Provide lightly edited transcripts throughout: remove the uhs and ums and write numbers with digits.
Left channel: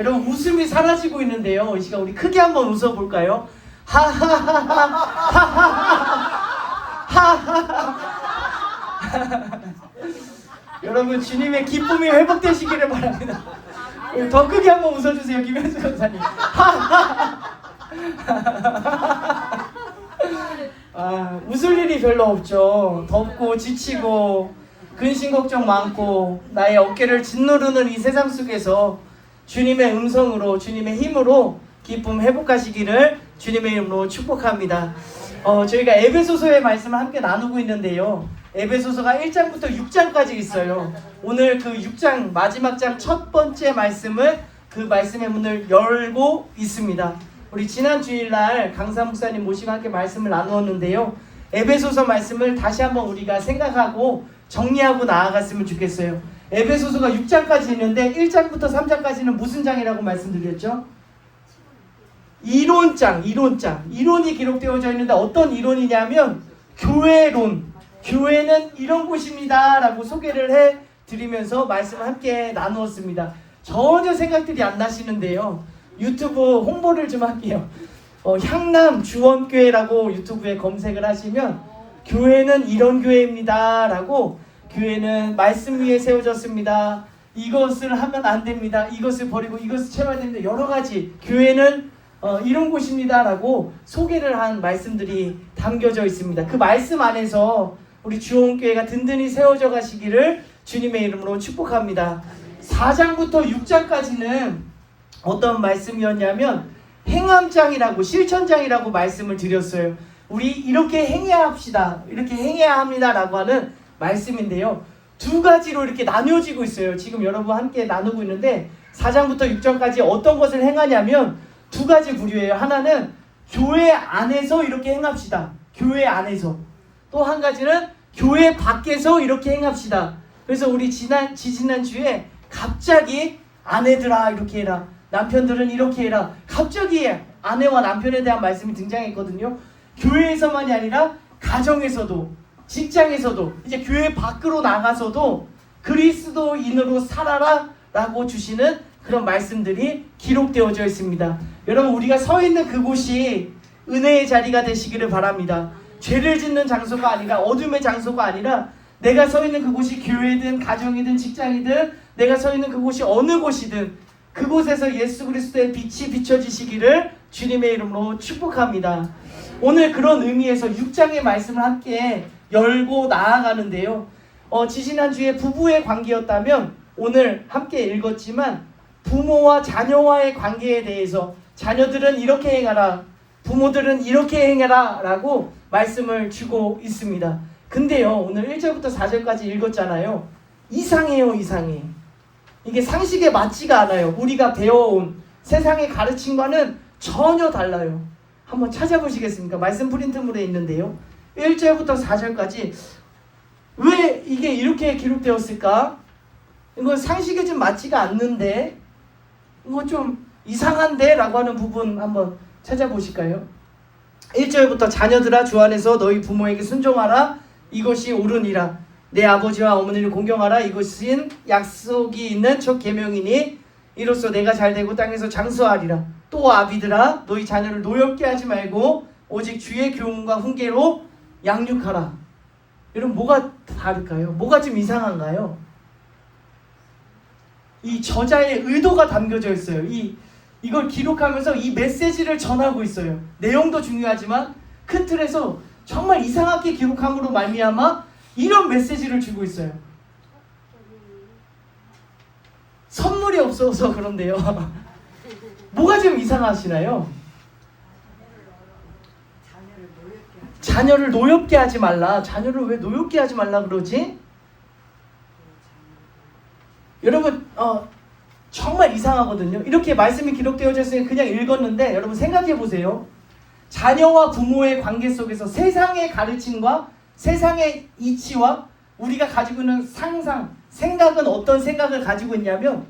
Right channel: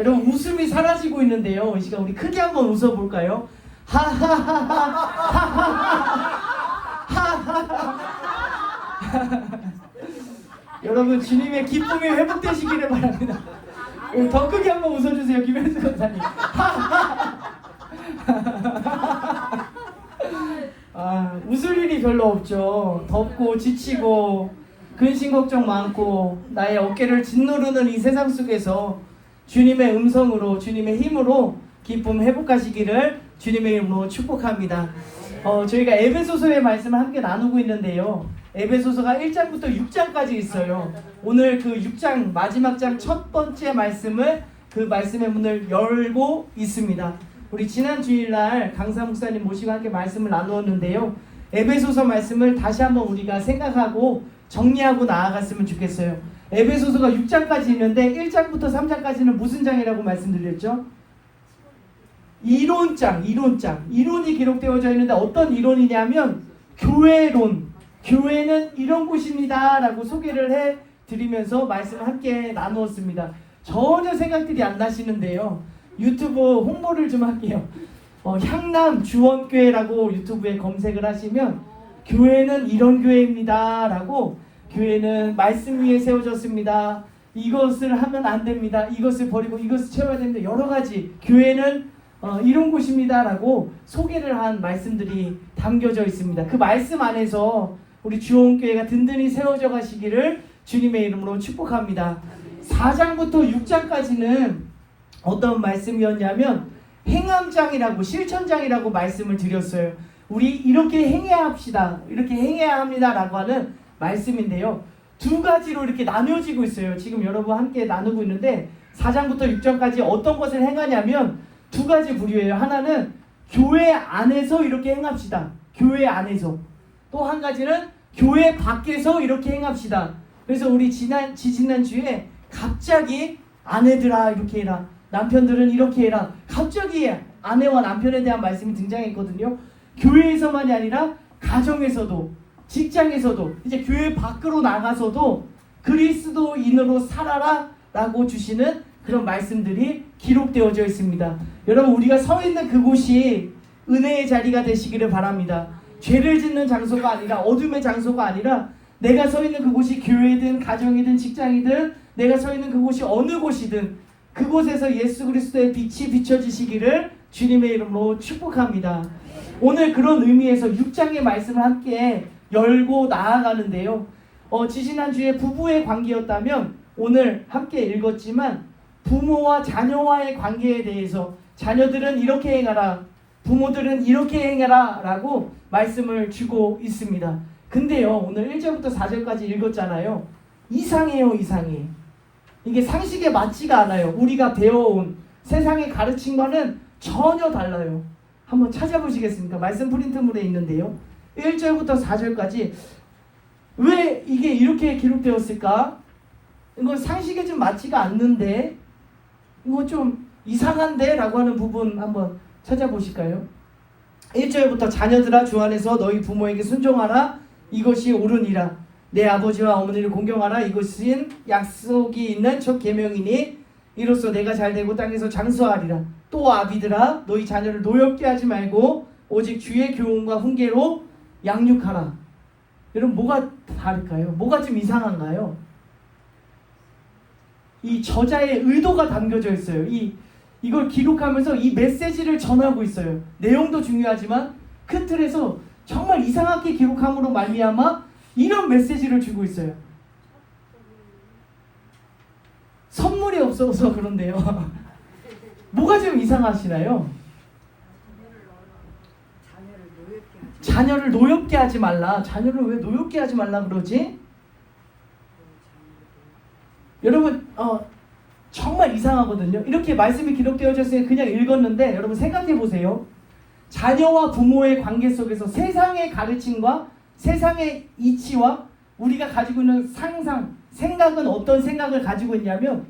여러분 웃음이 사라지고 있는데요. 이 시간 우리 크게 한번 웃어볼까요? 여러분 주님의 기쁨이 회복되시기를 바랍니다. 더 크게 한번 웃어주세요. 김현수 권사님. 웃을 일이 별로 없죠. 덥고 지치고 근심 걱정 많고 나의 어깨를 짓누르는 이 세상 속에서 주님의 음성으로 주님의 힘으로 기쁨 회복하시기를 주님의 이름으로 축복합니다. 저희가 에베소서의 말씀을 함께 나누고 있는데요. 에베소서가 1장부터 6장까지 있어요. 오늘 그 6장 마지막 장 첫 번째 말씀을 그 말씀의 문을 열고 있습니다. 우리 지난 주일날 강사 목사님 모시고 함께 말씀을 나누었는데요. 에베소서 말씀을 다시 한번 우리가 생각하고 정리하고 나아갔으면 좋겠어요. 에베소서가 6장까지 있는데 1장부터 3장까지는 무슨 장이라고 말씀드렸죠? 이론장. 이론이 기록되어져 있는데 어떤 이론이냐면 교회론. 교회는 이런 곳입니다 라고 소개를 해드리면서 말씀을 함께 나누었습니다. 전혀 생각들이 안 나시는데요. 유튜브 홍보를 좀 할게요. 향남 주원교회라고 유튜브에 검색을 하시면 교회는 이런 교회입니다 라고, 교회는 말씀 위에 세워졌습니다, 이것을 하면 안 됩니다, 이것을 버리고 이것을 채워야 됩니다, 여러가지 교회는 이런 곳입니다 라고 소개를 한 말씀들이 담겨져 있습니다. 그 말씀 안에서 우리 주원교회가 든든히 세워져 가시기를 주님의 이름으로 축복합니다. 4장부터 6장까지는 어떤 말씀이었냐면 행함장이라고, 실천장이라고 말씀을 드렸어요. 우리 이렇게 행해야 합시다, 이렇게 행해야 합니다 라고 하는 말씀인데요. 두 가지로 이렇게 나뉘어지고 있어요. 지금 여러분 함께 나누고 있는데 4장부터 6장까지 어떤 것을 행하냐면 두 가지 부류예요. 하나는 교회 안에서 이렇게 행합시다, 교회 안에서. 또 한 가지는 교회 밖에서 이렇게 행합시다. 그래서 우리 지지난 주에 갑자기 아내들아 이렇게 해라, 남편들은 이렇게 해라, 갑자기 아내와 남편에 대한 말씀이 등장했거든요. 교회에서만이 아니라 가정에서도, 직장에서도, 이제 교회 밖으로 나가서도 그리스도인으로 살아라 라고 주시는 그런 말씀들이 기록되어져 있습니다. 여러분, 우리가 서 있는 그곳이 은혜의 자리가 되시기를 바랍니다. 죄를 짓는 장소가 아니라, 어둠의 장소가 아니라, 내가 서 있는 그곳이 교회든 가정이든 직장이든 내가 서 있는 그곳이 어느 곳이든 그곳에서 예수 그리스도의 빛이 비춰지시기를 주님의 이름으로 축복합니다. 오늘 그런 의미에서 6장의 말씀을 함께 열고 나아가는데요. 지지난주에 부부의 관계였다면 오늘 함께 읽었지만 부모와 자녀와의 관계에 대해서 자녀들은 이렇게 행하라, 부모들은 이렇게 행하라 라고 말씀을 주고 있습니다. 근데요, 오늘 1절부터 4절까지 읽었잖아요. 이상해요. 이게 상식에 맞지가 않아요. 우리가 배워온 세상의 가르침과는 전혀 달라요. 한번 찾아보시겠습니까? 말씀 프린트물에 있는데요. 1절부터 4절까지 왜 이게 이렇게 기록되었을까? 이거 상식에 좀 맞지가 않는데, 이거 좀 이상한데? 라고 하는 부분 한번 찾아보실까요? 1절부터 자녀들아 주 안에서 너희 부모에게 순종하라, 이것이 옳으니라. 내 아버지와 어머니를 공경하라, 이것은 약속이 있는 첫 계명이니 이로써 내가 잘되고 땅에서 장수하리라. 또 아비들아 너희 자녀를 노엽게 하지 말고 오직 주의 교훈과 훈계로 양육하라. 여러분, 뭐가 다를까요? 뭐가 좀 이상한가요? 이 저자의 의도가 담겨져 있어요. 이걸 기록하면서 이 메시지를 전하고 있어요. 내용도 중요하지만 큰 틀에서 정말 이상하게 기록함으로 말미암아 이런 메시지를 주고 있어요. 선물이 없어서 그런데요. 뭐가 좀 이상하시나요? 자녀를 노엽게 하지 말라. 자녀를 왜 노엽게 하지 말라 그러지? 여러분, 정말 이상하거든요. 이렇게 말씀이 기록되어져 있으니 그냥 읽었는데 여러분 생각해 보세요. 자녀와 부모의 관계 속에서 세상의 가르침과 세상의 이치와 우리가 가지고 있는 상상, 생각은 어떤 생각을 가지고 있냐면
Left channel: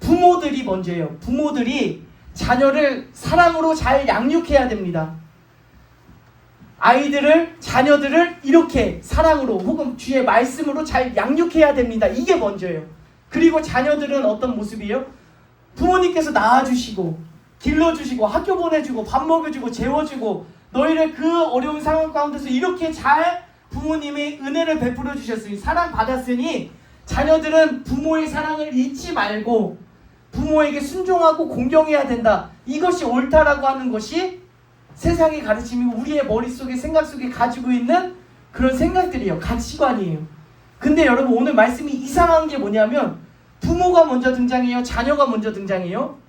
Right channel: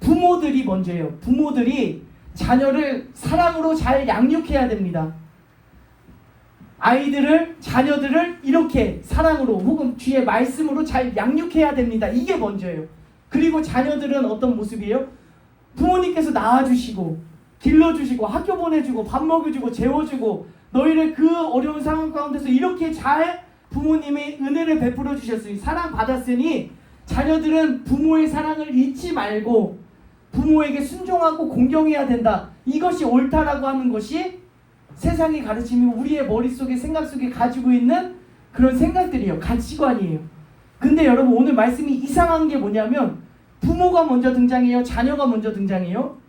부모들이 먼저예요. 부모들이 자녀를 사랑으로 잘 양육해야 됩니다. 아이들을, 자녀들을 이렇게 사랑으로 혹은 주의 말씀으로 잘 양육해야 됩니다. 이게 먼저예요. 그리고 자녀들은 어떤 모습이에요? 부모님께서 낳아주시고 길러주시고 학교 보내주고 밥 먹여주고 재워주고 너희를 그 어려운 상황 가운데서 이렇게 잘 부모님이 은혜를 베풀어 주셨으니 사랑받았으니 자녀들은 부모의 사랑을 잊지 말고 부모에게 순종하고 공경해야 된다. 이것이 옳다라고 하는 것이 세상의 가르침이 우리의 머릿속에 생각 속에 가지고 있는 그런 생각들이에요. 가치관이에요. 근데 여러분 오늘 말씀이 이상한 게 뭐냐면 부모가 먼저 등장해요? 자녀가 먼저 등장해요?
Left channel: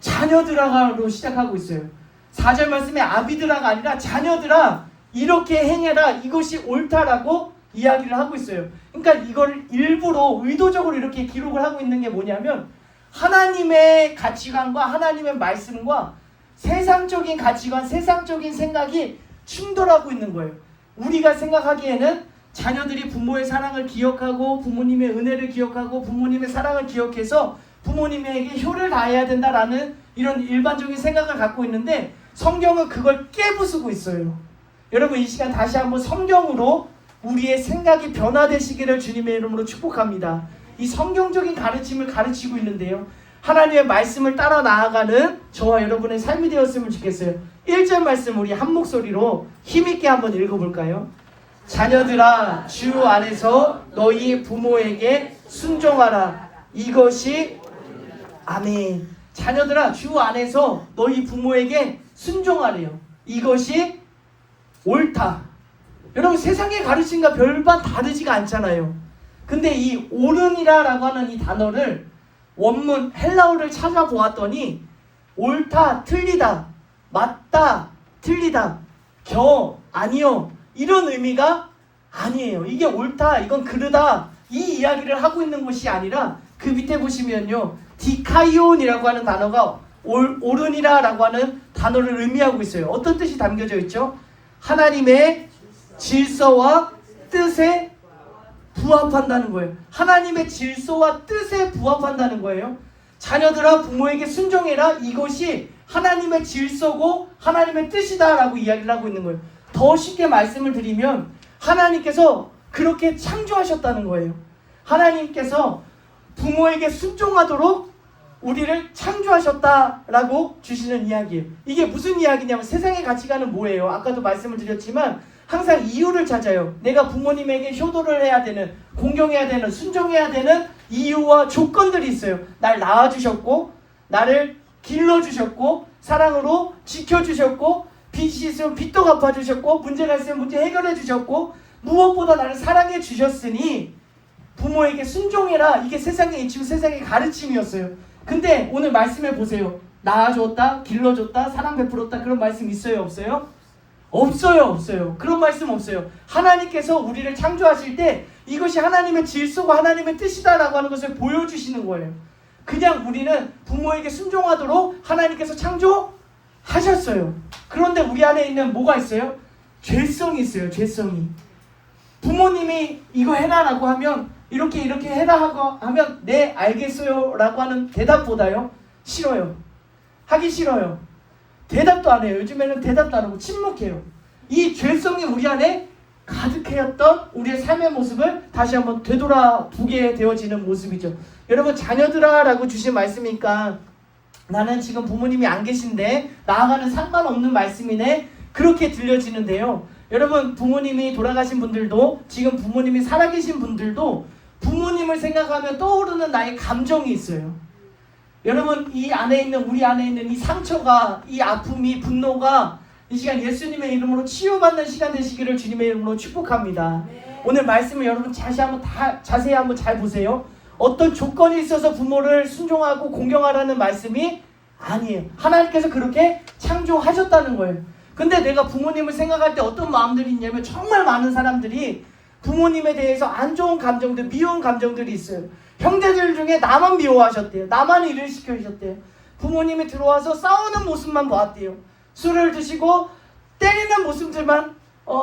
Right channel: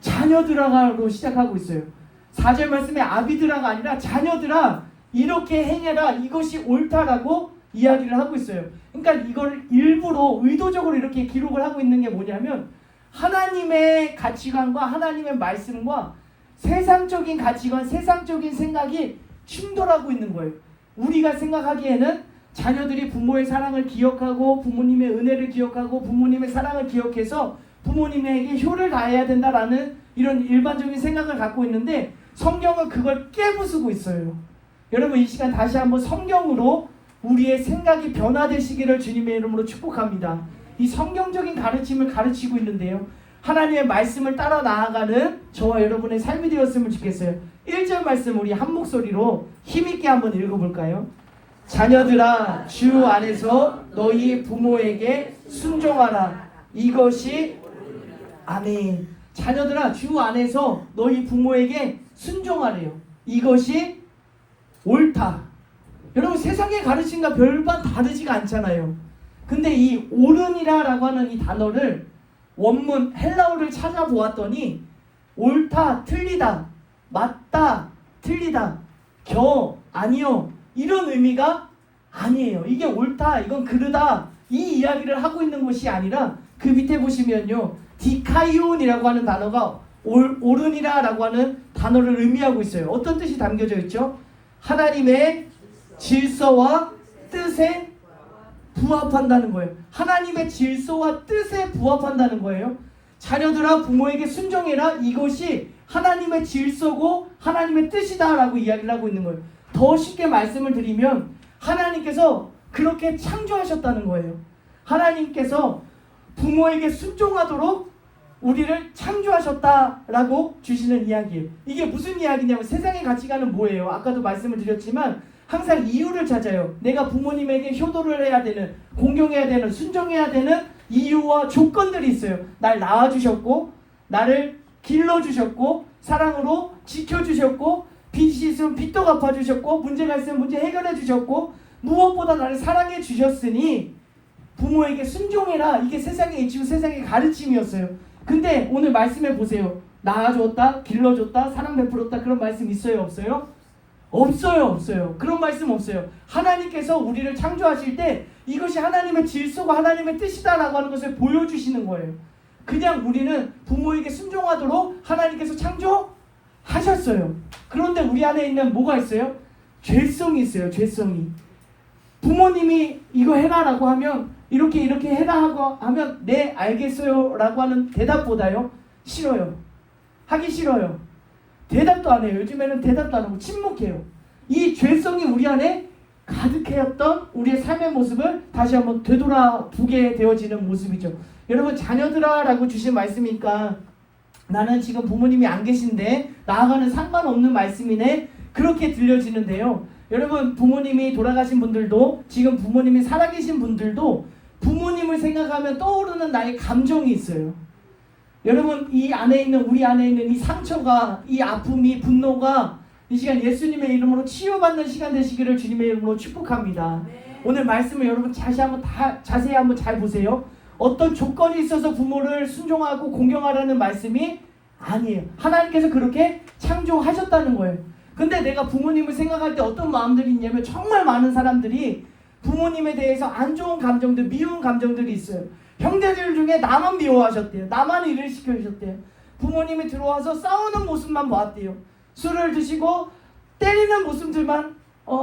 자녀들아로 시작하고 있어요. 4절 말씀에 아비들아가 아니라 자녀들아 이렇게 행해라 이것이 옳다라고 이야기를 하고 있어요. 그러니까 이걸 일부러 의도적으로 이렇게 기록을 하고 있는 게 뭐냐면 하나님의 가치관과 하나님의 말씀과 세상적인 가치관, 세상적인 생각이 충돌하고 있는 거예요. 우리가 생각하기에는 자녀들이 부모의 사랑을 기억하고 부모님의 은혜를 기억하고 부모님의 사랑을 기억해서 부모님에게 효를 다해야 된다라는 이런 일반적인 생각을 갖고 있는데 성경은 그걸 깨부수고 있어요. 여러분 이 시간 다시 한번 성경으로 우리의 생각이 변화되시기를 주님의 이름으로 축복합니다. 이 성경적인 가르침을 가르치고 있는데요. 하나님의 말씀을 따라 나아가는 저와 여러분의 삶이 되었으면 좋겠어요. 1절 말씀 우리 한 목소리로 힘있게 한번 읽어볼까요? 자녀들아 주 안에서 너희 부모에게 순종하라. 이것이 아멘. 자녀들아 주 안에서 너희 부모에게 순종하래요. 이것이 옳다. 여러분 세상의 가르침과 별반 다르지가 않잖아요. 근데 이 옳으니라라고 하는 이 단어를 원문 헬라어를 찾아보았더니 옳다, 틀리다, 맞다, 틀리다, 아니요 이런 의미가 아니에요. 이게 옳다, 이건 그르다 이 이야기를 하고 있는 것이 아니라 그 밑에 보시면요 디카이온이라고 하는 단어가 옳으니라라고 하는 단어를 의미하고 있어요. 어떤 뜻이 담겨져 있죠? 하나님의 질서와 뜻에 부합한다는 거예요. 하나님의 질서와 뜻에 부합한다는 거예요. 자녀들아 부모에게 순종해라. 이것이 하나님의 질서고 하나님의 뜻이다라고 이야기를 하고 있는 거예요. 더 쉽게 말씀을 드리면 하나님께서 그렇게 창조하셨다는 거예요. 하나님께서 부모에게 순종하도록 우리를 창조하셨다라고 주시는 이야기예요. 이게 무슨 이야기냐면 세상의 가치관은 뭐예요? 아까도 말씀을 드렸지만 항상 이유를 찾아요. 내가 부모님에게 효도를 해야 되는, 공경해야 되는, 순종해야 되는 이유와 조건들이 있어요. 날 낳아주셨고 나를 길러주셨고 사랑으로 지켜주셨고 빚이 있으면 빚도 갚아주셨고 문제가 있으면 문제 해결해주셨고 무엇보다 나를 사랑해주셨으니 부모에게 순종해라. 이게 세상의 이치고 세상의 가르침이었어요. 근데 오늘 말씀해 보세요. 낳아줬다, 길러줬다, 사랑 베풀었다 그런 말씀 있어요? 없어요? 없어요. 그런 말씀 없어요. 하나님께서 우리를 창조하실 때 이것이 하나님의 질서가 하나님의 뜻이다라고 하는 것을 보여주시는 거예요. 그냥 우리는 부모에게 순종하도록 하나님께서 창조하셨어요. 그런데 우리 안에 있는 뭐가 있어요? 죄성이 있어요. 죄성이. 부모님이 이거 해라라고 하면 이렇게 해라 하고 하면 네 알겠어요 라고 하는 대답보다요 싫어요. 하기 싫어요. 대답도 안 해요. 요즘에는 대답도 안 하고 침묵해요. 이 죄성이 우리 안에 가득해였던 우리의 삶의 모습을 다시 한번 되돌아보게 되어지는 모습이죠. 여러분 자녀들아 라고 주신 말씀이니까 나는 지금 부모님이 안 계신데 나아가는 상관없는 말씀이네 그렇게 들려지는데요. 여러분 부모님이 돌아가신 분들도 지금 부모님이 살아계신 분들도 부모님을 생각하면 떠오르는 나의 감정이 있어요. 여러분 이 안에 있는 우리 안에 있는 이 상처가 이 아픔이 분노가 이 시간 예수님의 이름으로 치유받는 시간 되시기를 주님의 이름으로 축복합니다. 오늘 말씀을 여러분 자세히 한번 잘 보세요. 어떤 조건이 있어서 부모를 순종하고 공경하라는 말씀이 아니에요. 하나님께서 그렇게 창조하셨다는 거예요. 근데 내가 부모님을 생각할 때 어떤 마음들이 있냐면 정말 많은 사람들이 부모님에 대해서 안 좋은 감정들, 미운 감정들이 있어요. 형제들 중에 나만 미워하셨대요. 나만 일을 시켜주셨대요. 부모님이 들어와서 싸우는 모습만 보았대요. 술을 드시고 때리는 모습들만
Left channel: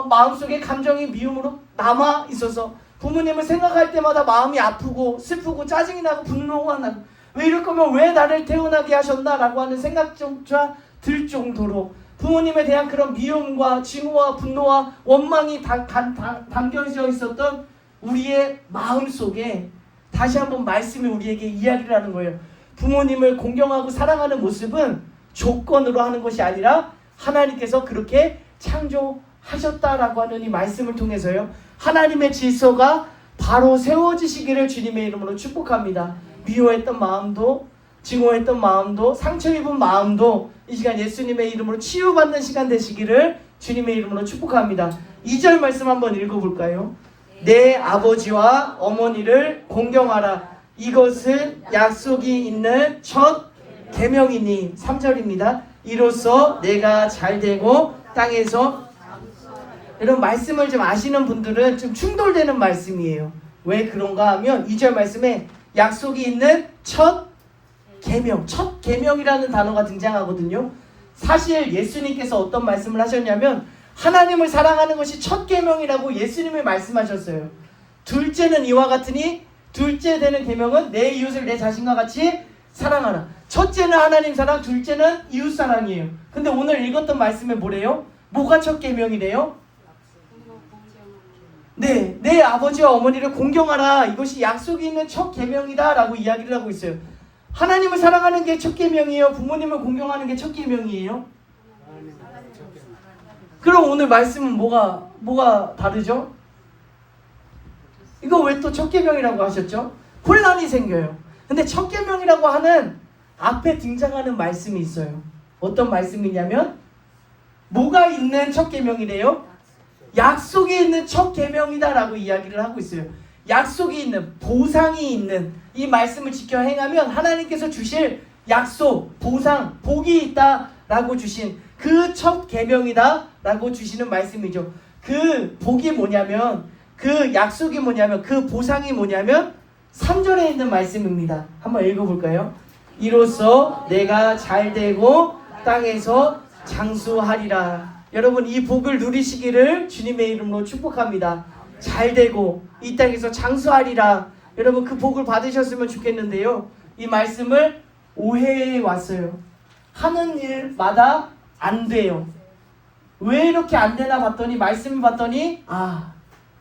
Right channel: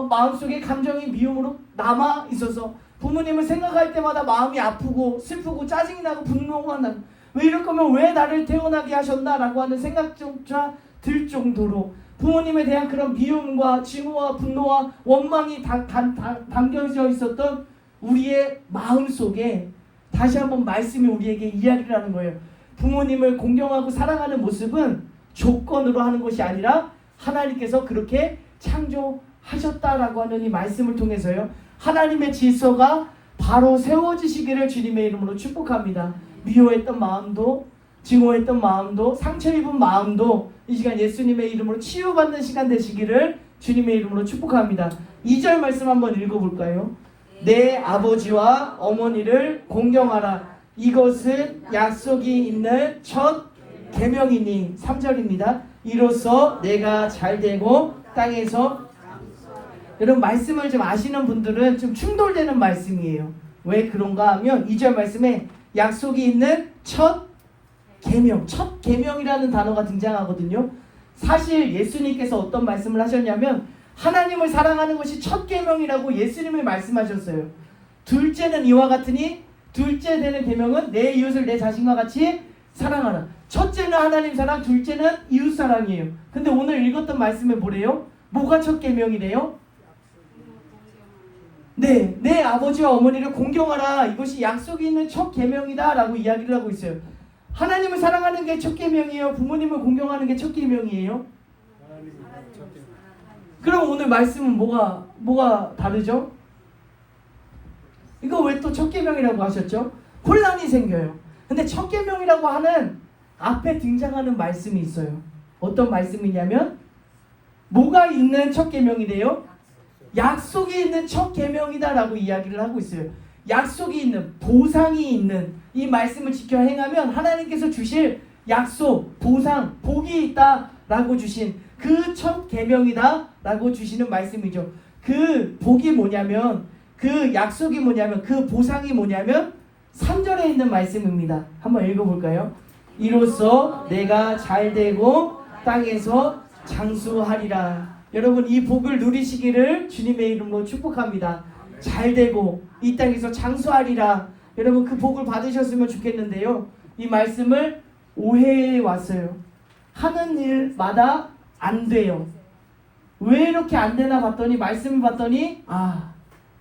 마음속에 감정이 미움으로 남아 있어서 부모님을 생각할 때마다 마음이 아프고 슬프고 짜증이 나고 분노가 나고 왜 이럴 거면 왜 나를 태어나게 하셨나라고 하는 생각조차 들 정도로 부모님에 대한 그런 미움과 증오와 분노와 원망이 담겨져 있었던 우리의 마음속에 다시 한번 말씀이 우리에게 이야기를 하는 거예요. 부모님을 공경하고 사랑하는 모습은 조건으로 하는 것이 아니라 하나님께서 그렇게 창조하셨다라고 하는 이 말씀을 통해서요. 하나님의 질서가 바로 세워지시기를 주님의 이름으로 축복합니다. 미워했던 마음도, 증오했던 마음도, 상처 입은 마음도 이 시간 예수님의 이름으로 치유받는 시간 되시기를 주님의 이름으로 축복합니다. 2절 말씀 한번 읽어볼까요? 내 아버지와 어머니를 공경하라. 이것은 약속이 있는 첫 계명이니. 3절입니다. 이로써 내가 잘되고 땅에서. 여러분 말씀을 좀 아시는 분들은 좀 충돌되는 말씀이에요. 왜 그런가 하면 2절 말씀에 약속이 있는 첫 계명, 첫 계명이라는 단어가 등장하거든요. 사실 예수님께서 어떤 말씀을 하셨냐면 하나님을 사랑하는 것이 첫 계명이라고 예수님이 말씀하셨어요. 둘째는 이와 같으니 둘째 되는 계명은 내 이웃을 내 자신과 같이 사랑하라. 첫째는 하나님 사랑, 둘째는 이웃 사랑이에요. 근데 오늘 읽었던 말씀에 뭐래요? 뭐가 첫 계명이래요? 네, 내 아버지와 어머니를 공경하라. 이것이 약속이 있는 첫 계명이다 라고 이야기를 하고 있어요. 하나님을 사랑하는 게 첫 계명이에요? 부모님을 공경하는 게 첫 계명이에요? 그럼 오늘 말씀은 뭐가 다르죠? 이거 왜 또 첫 계명이라고 하셨죠? 혼란이 생겨요. 근데 첫 계명이라고 하는 앞에 등장하는 말씀이 있어요. 어떤 말씀이냐면 뭐가 있는 첫 계명이래요? 약속이 있는 첫 계명이다라고 이야기를 하고 있어요. 약속이 있는, 보상이 있는 이 말씀을 지켜 행하면 하나님께서 주실 약속, 보상, 복이 있다라고 주신 그 첫 계명이다라고 주시는 말씀이죠. 그 복이 뭐냐면, 그 약속이 뭐냐면, 그 보상이 뭐냐면 3절에 있는 말씀입니다. 한번 읽어볼까요? 이로써 내가 잘되고 땅에서 장수하리라. 여러분 이 복을 누리시기를 주님의 이름으로 축복합니다. 잘되고 이 땅에서 장수하리라. 여러분 그 복을 받으셨으면 좋겠는데요. 이 말씀을 오해해 왔어요. 하는 일마다 안 돼요. 왜 이렇게 안 되나 봤더니 말씀을 봤더니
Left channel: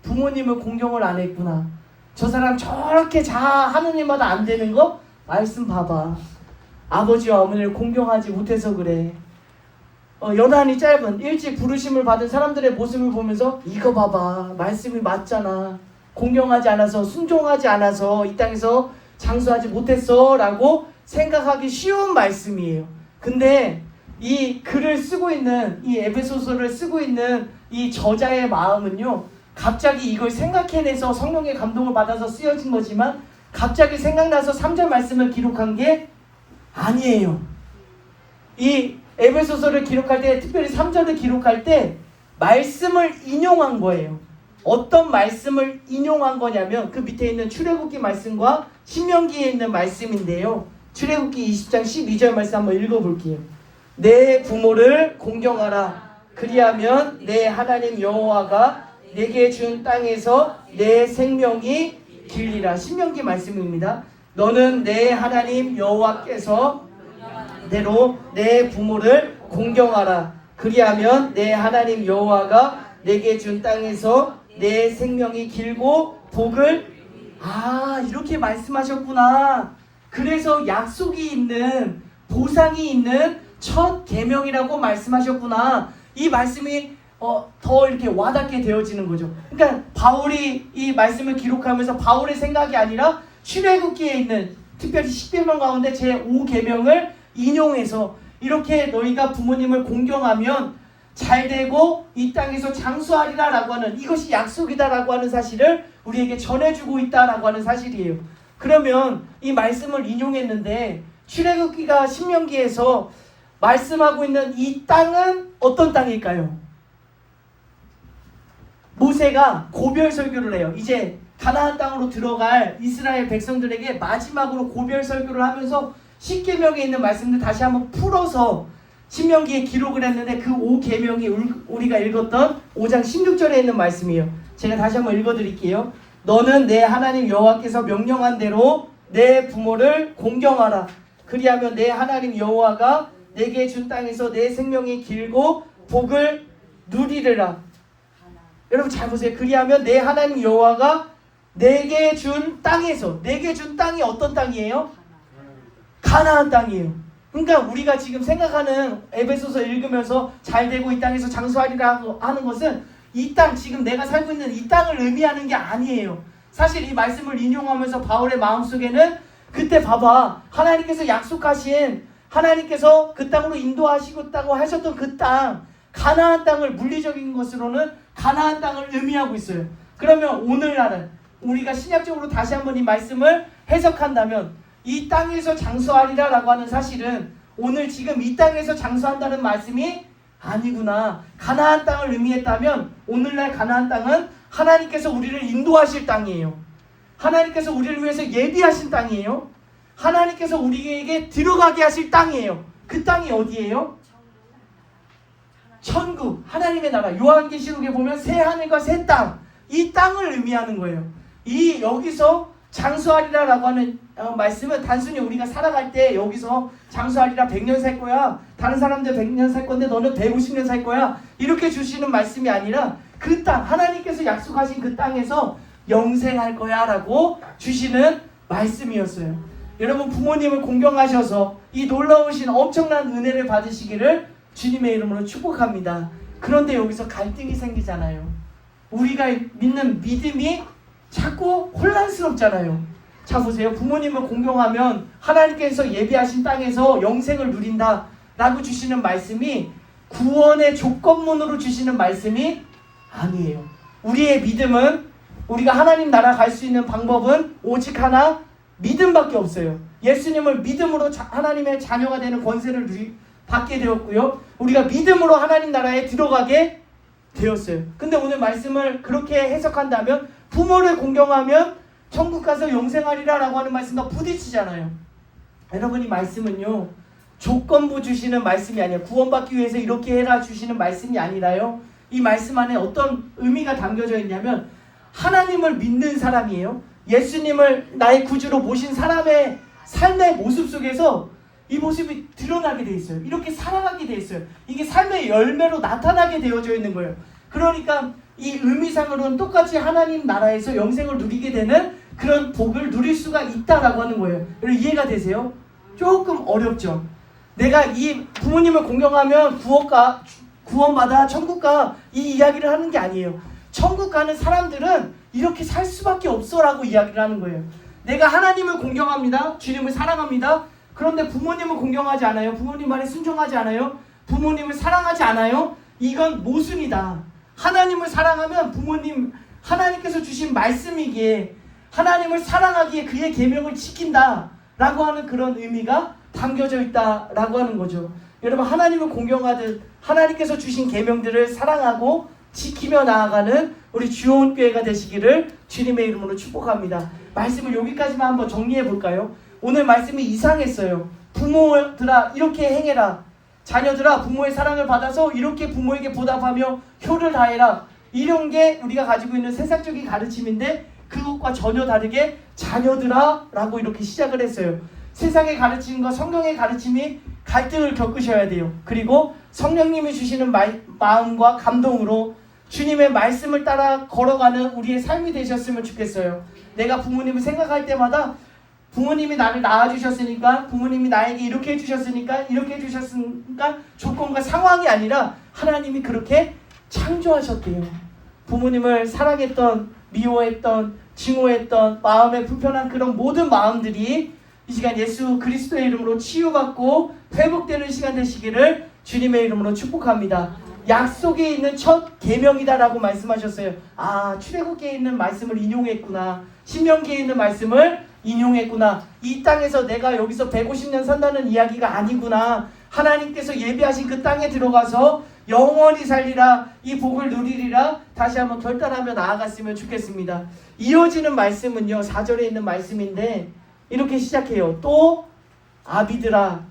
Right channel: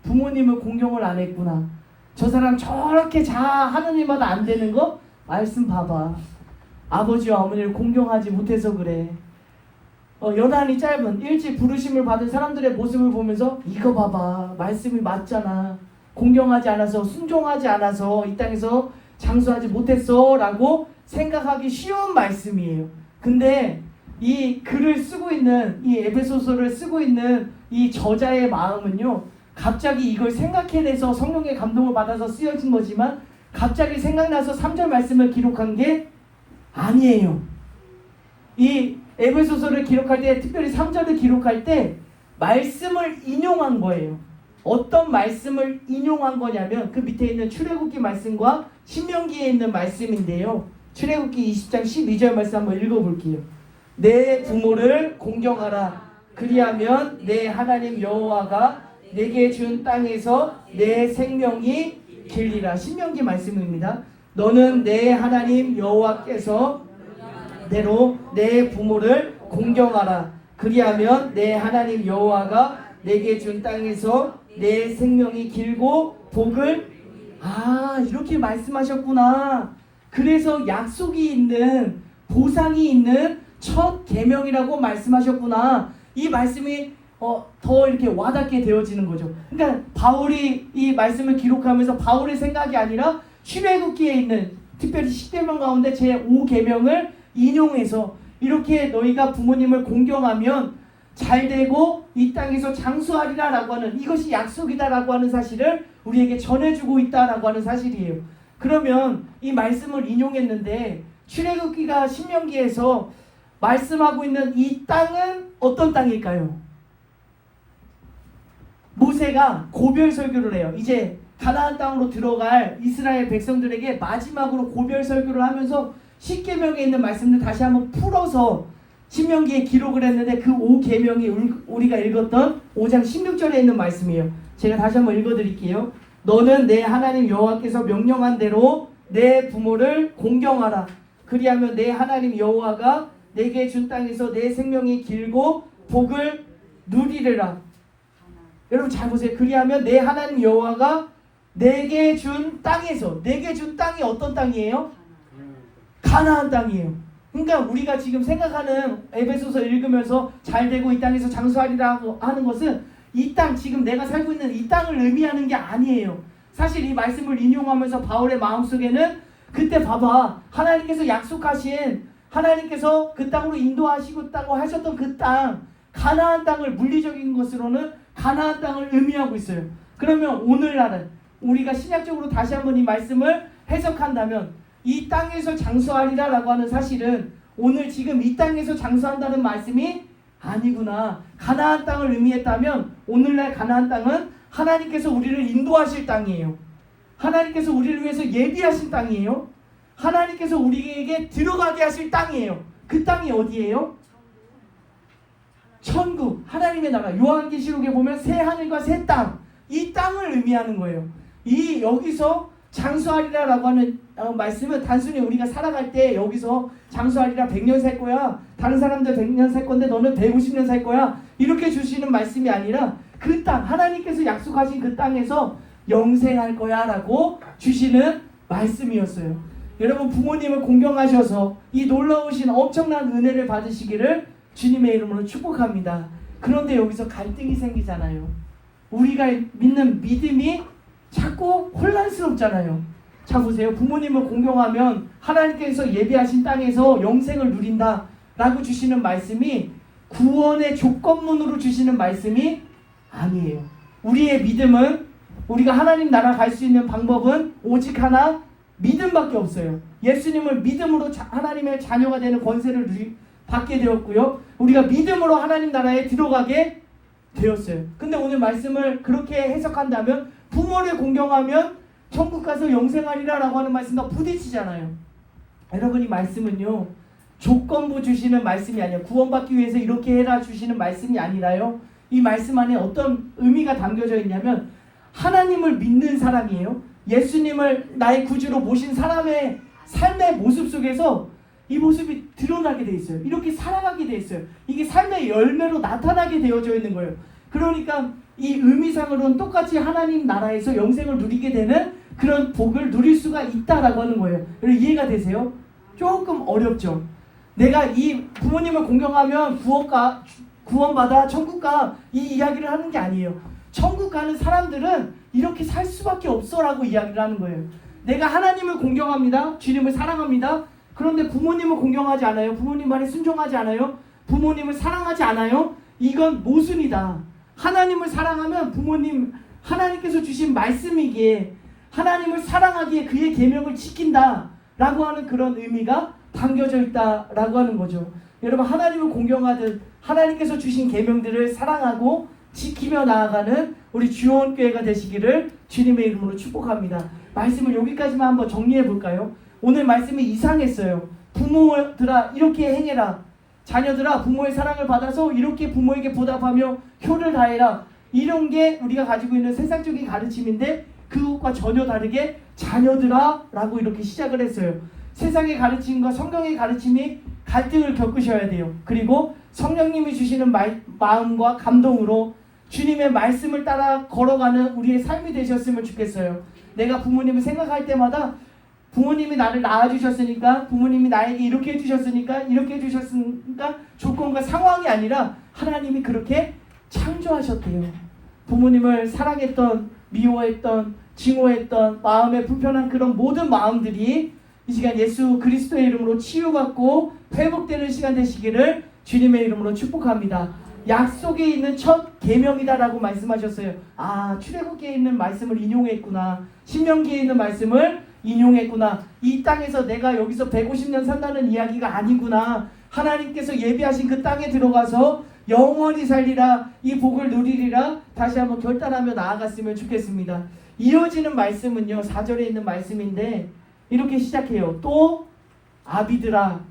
부모님을 공경을 안 했구나. 저 사람 저렇게 하는 일마다 안 되는 거? 말씀 봐봐. 아버지와 어머니를 공경하지 못해서 그래. 여단이 짧은 일찍 부르심을 받은 사람들의 모습을 보면서 이거 봐봐. 말씀이 맞잖아. 공경하지 않아서 순종하지 않아서 이 땅에서 장수하지 못했어 라고 생각하기 쉬운 말씀이에요. 근데 이 글을 쓰고 있는 이 에베소서를 쓰고 있는 이 저자의 마음은요, 갑자기 이걸 생각해내서 성령의 감동을 받아서 쓰여진 거지만 갑자기 생각나서 3절 말씀을 기록한 게 아니에요. 이 에베소서를 기록할 때, 특별히 3절을 기록할 때 말씀을 인용한 거예요. 어떤 말씀을 인용한 거냐면 그 밑에 있는 출애굽기 말씀과 신명기에 있는 말씀인데요. 출애굽기 20장 12절 말씀 한번 읽어볼게요. 내 부모를 공경하라. 그리하면 내 하나님 여호와가 내게 준 땅에서 내 생명이 길리라. 신명기 말씀입니다. 너는 내 하나님 여호와께서 대로 내 부모를 공경하라. 그리하면 내 하나님 여호와가 내게 준 땅에서 내 생명이 길고 복을 이렇게 말씀하셨구나. 그래서 약속이 있는, 보상이 있는 첫 계명이라고 말씀하셨구나. 이 말씀이 더 이렇게 와닿게 되어지는 거죠. 그러니까 바울이 이 말씀을 기록하면서 바울의 생각이 아니라 출애굽기에 있는 특별히 10계명 가운데 제5계명을 인용해서 이렇게 너희가 부모님을 공경하면 잘되고 이 땅에서 장수하리라 라고 하는, 이것이 약속이다 라고 하는 사실을 우리에게 전해주고 있다 라고 하는 사실이에요. 그러면 이 말씀을 인용했는데 출애굽기가 신명기에서 말씀하고 있는 이 땅은 어떤 땅일까요? 모세가 고별 설교를 해요. 이제 가나안 땅으로 들어갈 이스라엘 백성들에게 마지막으로 고별 설교를 하면서 10계명에 있는 말씀들 다시 한번 풀어서 신명기에 기록을 했는데 그 5계명이 우리가 읽었던 5장 16절에 있는 말씀이에요. 제가 다시 한번 읽어드릴게요. 너는 내 하나님 여호와께서 명령한 대로 내 부모를 공경하라. 그리하면 내 하나님 여호와가 내게 준 땅에서 내 생명이 길고 복을 누리리라. 여러분 잘 보세요. 그리하면 내 하나님 여호와가 내게 준 땅에서, 내게 준 땅이 어떤 땅이에요? 가나안 땅이에요. 그러니까 우리가 지금 생각하는 에베소서 읽으면서 잘 되고 이 땅에서 장수하리라 하는 것은 이 땅, 지금 내가 살고 있는 이 땅을 의미하는 게 아니에요. 사실 이 말씀을 인용하면서 바울의 마음속에는 그때 봐봐, 하나님께서 약속하신, 하나님께서 그 땅으로 인도하시겠다고 하셨던 그 땅, 가나안 땅을 물리적인 것으로는 가나안 땅을 의미하고 있어요. 그러면 오늘날은 우리가 신약적으로 다시 한번 이 말씀을 해석한다면 이 땅에서 장수하리라 라고 하는 사실은 오늘 지금 이 땅에서 장수한다는 말씀이 아니구나. 가나안 땅을 의미했다면 오늘날 가나안 땅은 하나님께서 우리를 인도하실 땅이에요. 하나님께서 우리를 위해서 예비하신 땅이에요. 하나님께서 우리에게 들어가게 하실 땅이에요. 그 땅이 어디예요? 천국, 하나님의 나라. 요한계시록에 보면 새 하늘과 새 땅, 이 땅을 의미하는 거예요. 이 여기서 장수하리라 라고 하는 말씀은 단순히 우리가 살아갈 때 여기서 장수하리라 100년 살 거야, 다른 사람들 100년 살 건데 너는 150년 살 거야, 이렇게 주시는 말씀이 아니라 그 땅, 하나님께서 약속하신 그 땅에서 영생할 거야 라고 주시는 말씀이었어요. 여러분, 부모님을 공경하셔서 이 놀라우신 엄청난 은혜를 받으시기를 주님의 이름으로 축복합니다. 그런데 여기서 갈등이 생기잖아요. 우리가 믿는 믿음이 자꾸 혼란스럽잖아요. 자 보세요. 부모님을 공경하면 하나님께서 예비하신 땅에서 영생을 누린다 라고 주시는 말씀이 구원의 조건문으로 주시는 말씀이 아니에요. 우리의 믿음은, 우리가 하나님 나라 갈 수 있는 방법은 오직 하나, 믿음밖에 없어요. 예수님을 믿음으로 하나님의 자녀가 되는 권세를 받게 되었고요. 우리가 믿음으로 하나님 나라에 들어가게 되었어요. 근데 오늘 말씀을 그렇게 해석한다면 부모를 공경하면 천국 가서 영생하리라 라고 하는 말씀과 부딪히잖아요. 여러분, 이 말씀은요, 조건부 주시는 말씀이 아니에요. 구원받기 위해서 이렇게 해라 주시는 말씀이 아니라요, 이 말씀 안에 어떤 의미가 담겨져 있냐면 하나님을 믿는 사람이에요. 예수님을 나의 구주로 모신 사람의 삶의 모습 속에서 이 모습이 드러나게 돼 있어요. 이렇게 살아가게 돼 있어요. 이게 삶의 열매로 나타나게 되어져 있는 거예요. 그러니까 이 의미상으로는 똑같이 하나님 나라에서 영생을 누리게 되는 그런 복을 누릴 수가 있다라고 하는 거예요. 여러분, 이해가 되세요? 조금 어렵죠? 내가 이 부모님을 공경하면 구원받아 천국 가, 이 이야기를 하는 게 아니에요. 천국 가는 사람들은 이렇게 살 수밖에 없어라고 이야기를 하는 거예요. 내가 하나님을 공경합니다. 주님을 사랑합니다. 그런데 부모님을 공경하지 않아요. 부모님 말에 순종하지 않아요. 부모님을 사랑하지 않아요. 이건 모순이다. 하나님을 사랑하면 부모님, 하나님께서 주신 말씀이기에 하나님을 사랑하기에 그의 계명을 지킨다 라고 하는 그런 의미가 담겨져 있다라고 하는 거죠. 여러분, 하나님을 공경하듯 하나님께서 주신 계명들을 사랑하고 지키며 나아가는 우리 주원교회가 되시기를 주님의 이름으로 축복합니다. 말씀을 여기까지만 한번 정리해 볼까요? 오늘 말씀이 이상했어요. 부모들아 이렇게 행해라, 자녀들아 부모의 사랑을 받아서 이렇게 부모에게 보답하며 효를 다해라, 이런 게 우리가 가지고 있는 세상적인 가르침인데 그것과 전혀 다르게 자녀들아 라고 이렇게 시작을 했어요. 세상의 가르침과 성경의 가르침이 갈등을 겪으셔야 돼요. 그리고 성령님이 주시는 마음과 감동으로 주님의 말씀을 따라 걸어가는 우리의 삶이 되셨으면 좋겠어요. 내가 부모님을 생각할 때마다 부모님이 나를 낳아주셨으니까, 부모님이 나에게 이렇게 해주셨으니까, 이렇게 해주셨으니까 조건과 상황이 아니라 하나님이 그렇게 창조하셨대요. 부모님을 사랑했던, 미워했던, 증오했던, 마음에 불편한 그런 모든 마음들이 이 시간 예수 그리스도의 이름으로 치유받고 회복되는 시간 되시기를 주님의 이름으로 축복합니다. 약속에 있는 첫 계명이다라고 말씀하셨어요. 아, 출애굽기에 있는 말씀을 인용했구나. 신명기에 있는 말씀을 인용했구나. 이 땅에서 내가 여기서 150년 산다는 이야기가 아니구나. 하나님께서 예비하신 그 땅에 들어가서 영원히 살리라, 이 복을 누리리라, 다시 한번 결단하며 나아갔으면 좋겠습니다. 이어지는 말씀은요, 4절에 있는 말씀인데 이렇게 시작해요. 또 아비들아.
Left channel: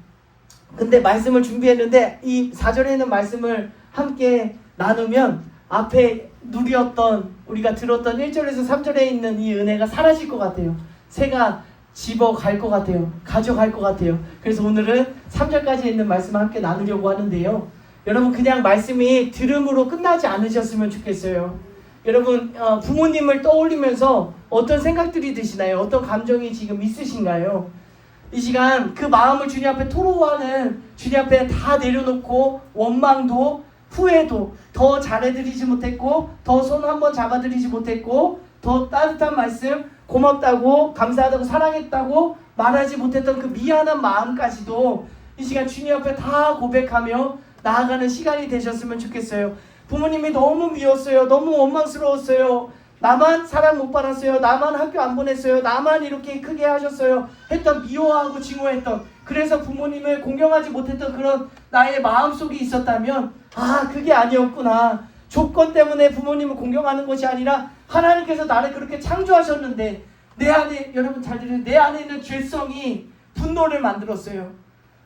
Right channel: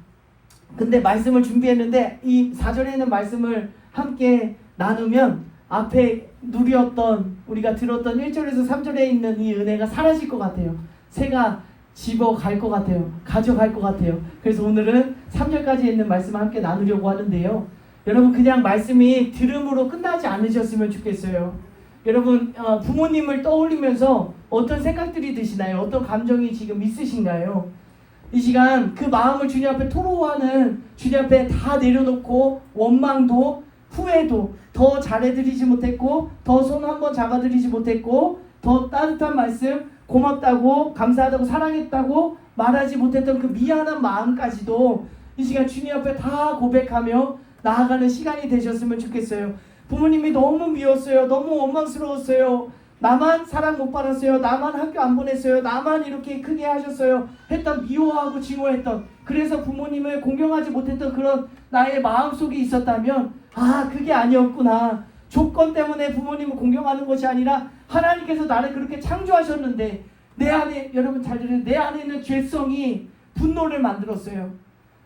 근데 말씀을 준비했는데 이 4절에 있는 말씀을 함께 나누면 앞에 누렸던, 우리가 들었던 1절에서 3절에 있는 이 은혜가 사라질 것 같아요. 새가 집어갈 것 같아요. 가져갈 것 같아요. 그래서 오늘은 3절까지 있는 말씀을 함께 나누려고 하는데요. 여러분, 그냥 말씀이 들음으로 끝나지 않으셨으면 좋겠어요. 여러분, 부모님을 떠올리면서 어떤 생각들이 드시나요? 어떤 감정이 지금 있으신가요? 이 시간 그 마음을 주님 앞에 토로하는, 주님 앞에 다 내려놓고 원망도 후회도 더 잘해드리지 못했고, 더 손 한번 잡아드리지 못했고, 더 따뜻한 말씀, 고맙다고 감사하다고 사랑했다고 말하지 못했던 그 미안한 마음까지도 이 시간 주님 앞에 다 고백하며 나아가는 시간이 되셨으면 좋겠어요. 부모님이 너무 미웠어요. 너무 원망스러웠어요. 나만 사랑 못 받았어요. 나만 학교 안 보냈어요. 나만 이렇게 크게 하셨어요. 했던, 미워하고 증오했던, 그래서 부모님을 공경하지 못했던 그런 나의 마음속이 있었다면, 아, 그게 아니었구나. 조건 때문에 부모님을 공경하는 것이 아니라 하나님께서 나를 그렇게 창조하셨는데 내 안에, 여러분 잘 들으세요, 내 안에 있는 죄성이 분노를 만들었어요.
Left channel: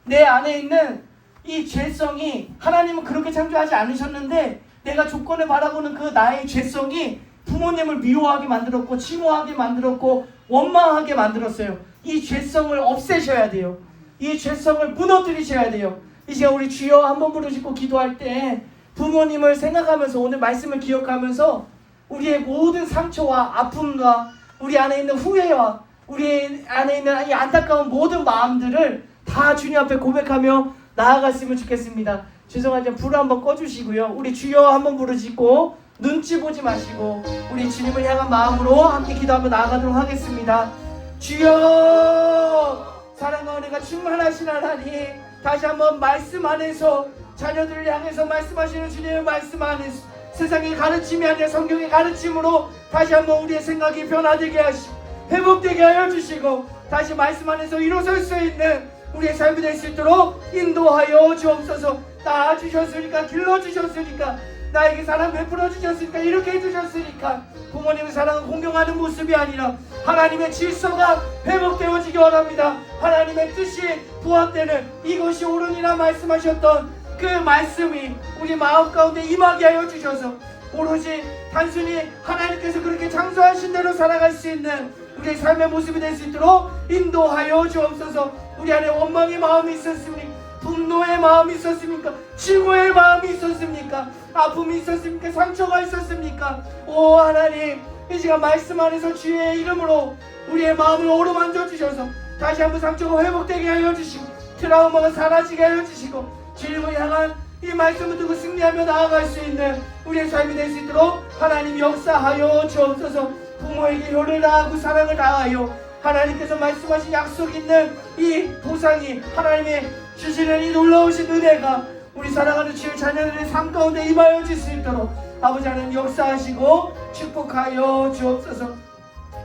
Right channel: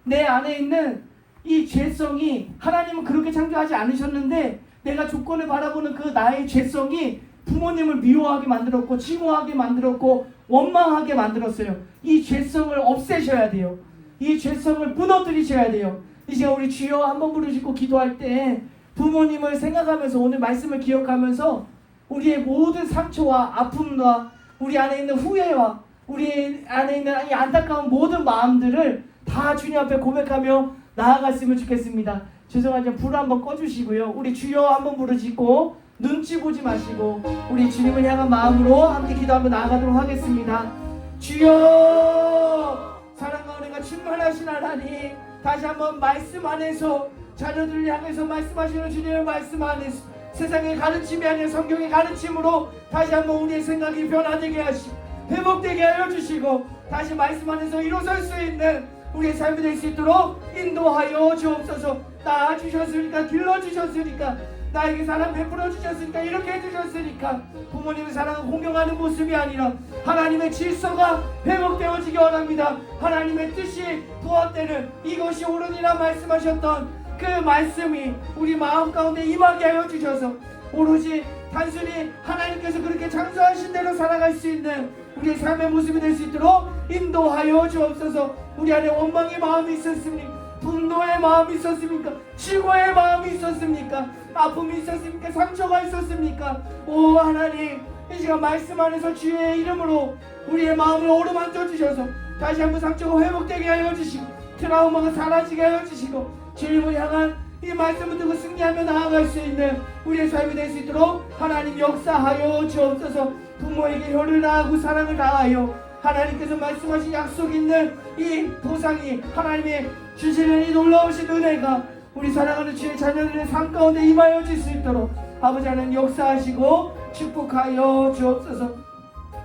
내 안에 있는 이 죄성이, 하나님은 그렇게 창조하지 않으셨는데 내가 조건을 바라보는 그 나의 죄성이 부모님을 미워하게 만들었고, 증오하게 만들었고, 원망하게 만들었어요. 이 죄성을 없애셔야 돼요. 이 죄성을 무너뜨리셔야 돼요. 이제 우리 주여 한번 부르시고 기도할 때 부모님을 생각하면서, 오늘 말씀을 기억하면서 우리의 모든 상처와 아픔과 우리 안에 있는 후회와 우리 안에 있는 이 안타까운 모든 마음들을 다 주님 앞에 고백하며 나아갔으면 좋겠습니다. 죄송하지만 불 한번 꺼주시고요. 우리 주여 한번 부르시고 눈치 보지 마시고 우리 주님을 향한 마음으로 함께 기도하며 나아가도록 하겠습니다. 주여, 사랑과 은혜가 충만하신 하나님, 다시 한번 말씀 안에서 자녀들을 향해서 말씀하시는 주님의 말씀 안에서 세상의 가르침이 아니라 성경의 가르침으로 다시 한번 우리의 생각이 변화되게 하시고 회복되게 하여 주시고, 다시 말씀 안에서 일어설 수 있는 우리의 삶이 될 수 있도록 인도하여 주옵소서. 낳아주셨으니까, 길러주셨으니까, 나에게 사랑 베풀어 주셨으니까, 이렇게 해주셨으니까 부모님의 사랑을 공경하는 모습이 아니라 하나님의 질서가 회복되어지기 원합니다. 하나님의 뜻이 부합되는 이것이 옳으니라 말씀하셨던 그 말씀이 우리 마음 가운데 임하게 하여 주셔서 오로지 단순히 하나님께서 그렇게 창조하신 대로 살아갈 수 있는 우리의 삶의 모습이 될 수 있도록 인도하여 주옵소서. 우리 안에 원망의 마음이 있었습니까? 분노의 마음이 있었습니까? 증오의 마음이 있었습니까? 아픔이 있었습니까? 상처가 있었습니까? 오 하나님, 이 시간 말씀 안에서 주의 이름으로 우리의 마음을 어루만져 주셔서 다시 한번 상처가 회복되게 하여 주시고, 트라우마가 사라지게 하여 주시고, 주님을 향한 이 말씀을 듣고 승리하며 나아갈 수 있는 우리의 삶이 될 수 있도록 하나님 역사하여 주옵소서. 부모에게 효를 다하고 사랑을 다하여 하나님께서 말씀하신 약속 있는 이 보상이, 하나님의 주시는 이 놀라우신 은혜가 우리 사랑하는 주의 자녀들의 삶 가운데 임하여 줄 수 있도록 아버지 하나님 역사하시고 축복하여 주옵소서.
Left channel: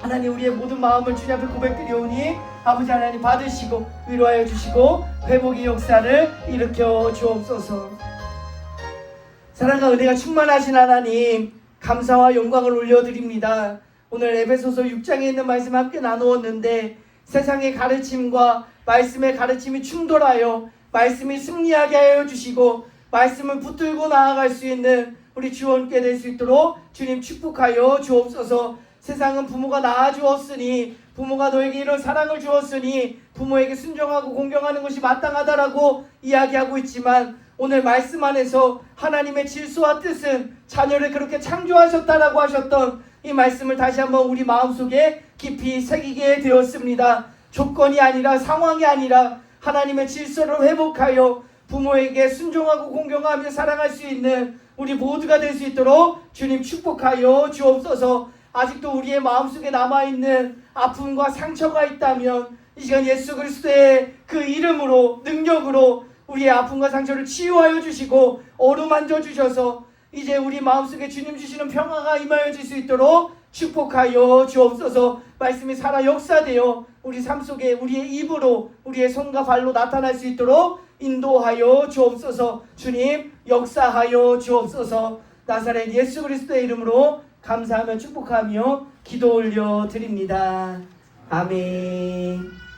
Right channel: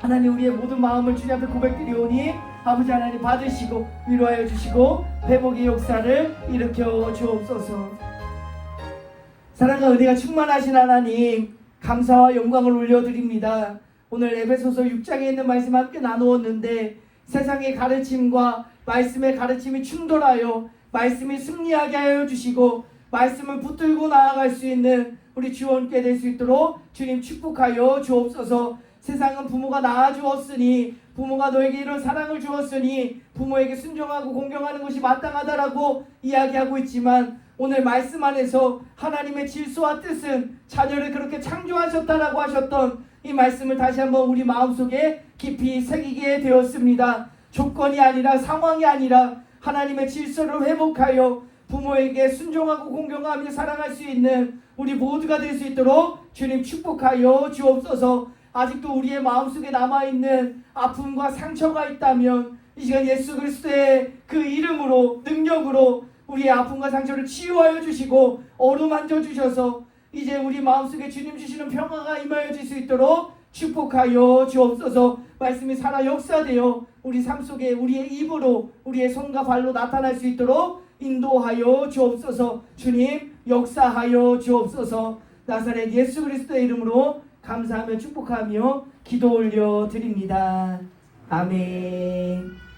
하나님, 우리의 모든 마음을 주님 앞에 고백드리오니 아버지 하나님 받으시고 위로하여 주시고 회복의 역사를 일으켜 주옵소서. 사랑과 은혜가 충만하신 하나님, 감사와 영광을 올려드립니다. 오늘 에베소서 6장에 있는 말씀 함께 나누었는데, 세상의 가르침과 말씀의 가르침이 충돌하여 말씀이 승리하게 하여 주시고 말씀을 붙들고 나아갈 수 있는 우리 주원께 될 수 있도록 주님 축복하여 주옵소서. 세상은 부모가 낳아주었으니, 부모가 너에게 이런 사랑을 주었으니 부모에게 순종하고 공경하는 것이 마땅하다라고 이야기하고 있지만, 오늘 말씀 안에서 하나님의 질서와 뜻은 자녀를 그렇게 창조하셨다라고 하셨던 이 말씀을 다시 한번 우리 마음속에 깊이 새기게 되었습니다. 조건이 아니라, 상황이 아니라 하나님의 질서를 회복하여 부모에게 순종하고 공경하며 사랑할 수 있는 우리 모두가 될 수 있도록 주님 축복하여 주옵소서. 아직도 우리의 마음속에 남아있는 아픔과 상처가 있다면 이 시간 예수 그리스도의 그 이름으로, 능력으로 우리의 아픔과 상처를 치유하여 주시고 어루만져 주셔서 이제 우리 마음속에 주님 주시는 평화가 임하여 줄 수 있도록 축복하여 주옵소서. 말씀이 살아 역사되어 우리 삶 속에 우리의 입으로, 우리의 손과 발로 나타날 수 있도록 인도하여 주옵소서. 주님 역사하여 주옵소서. 나사렛 예수 그리스도의 이름으로 감사하며 축복하며 기도 올려 드립니다. 아멘.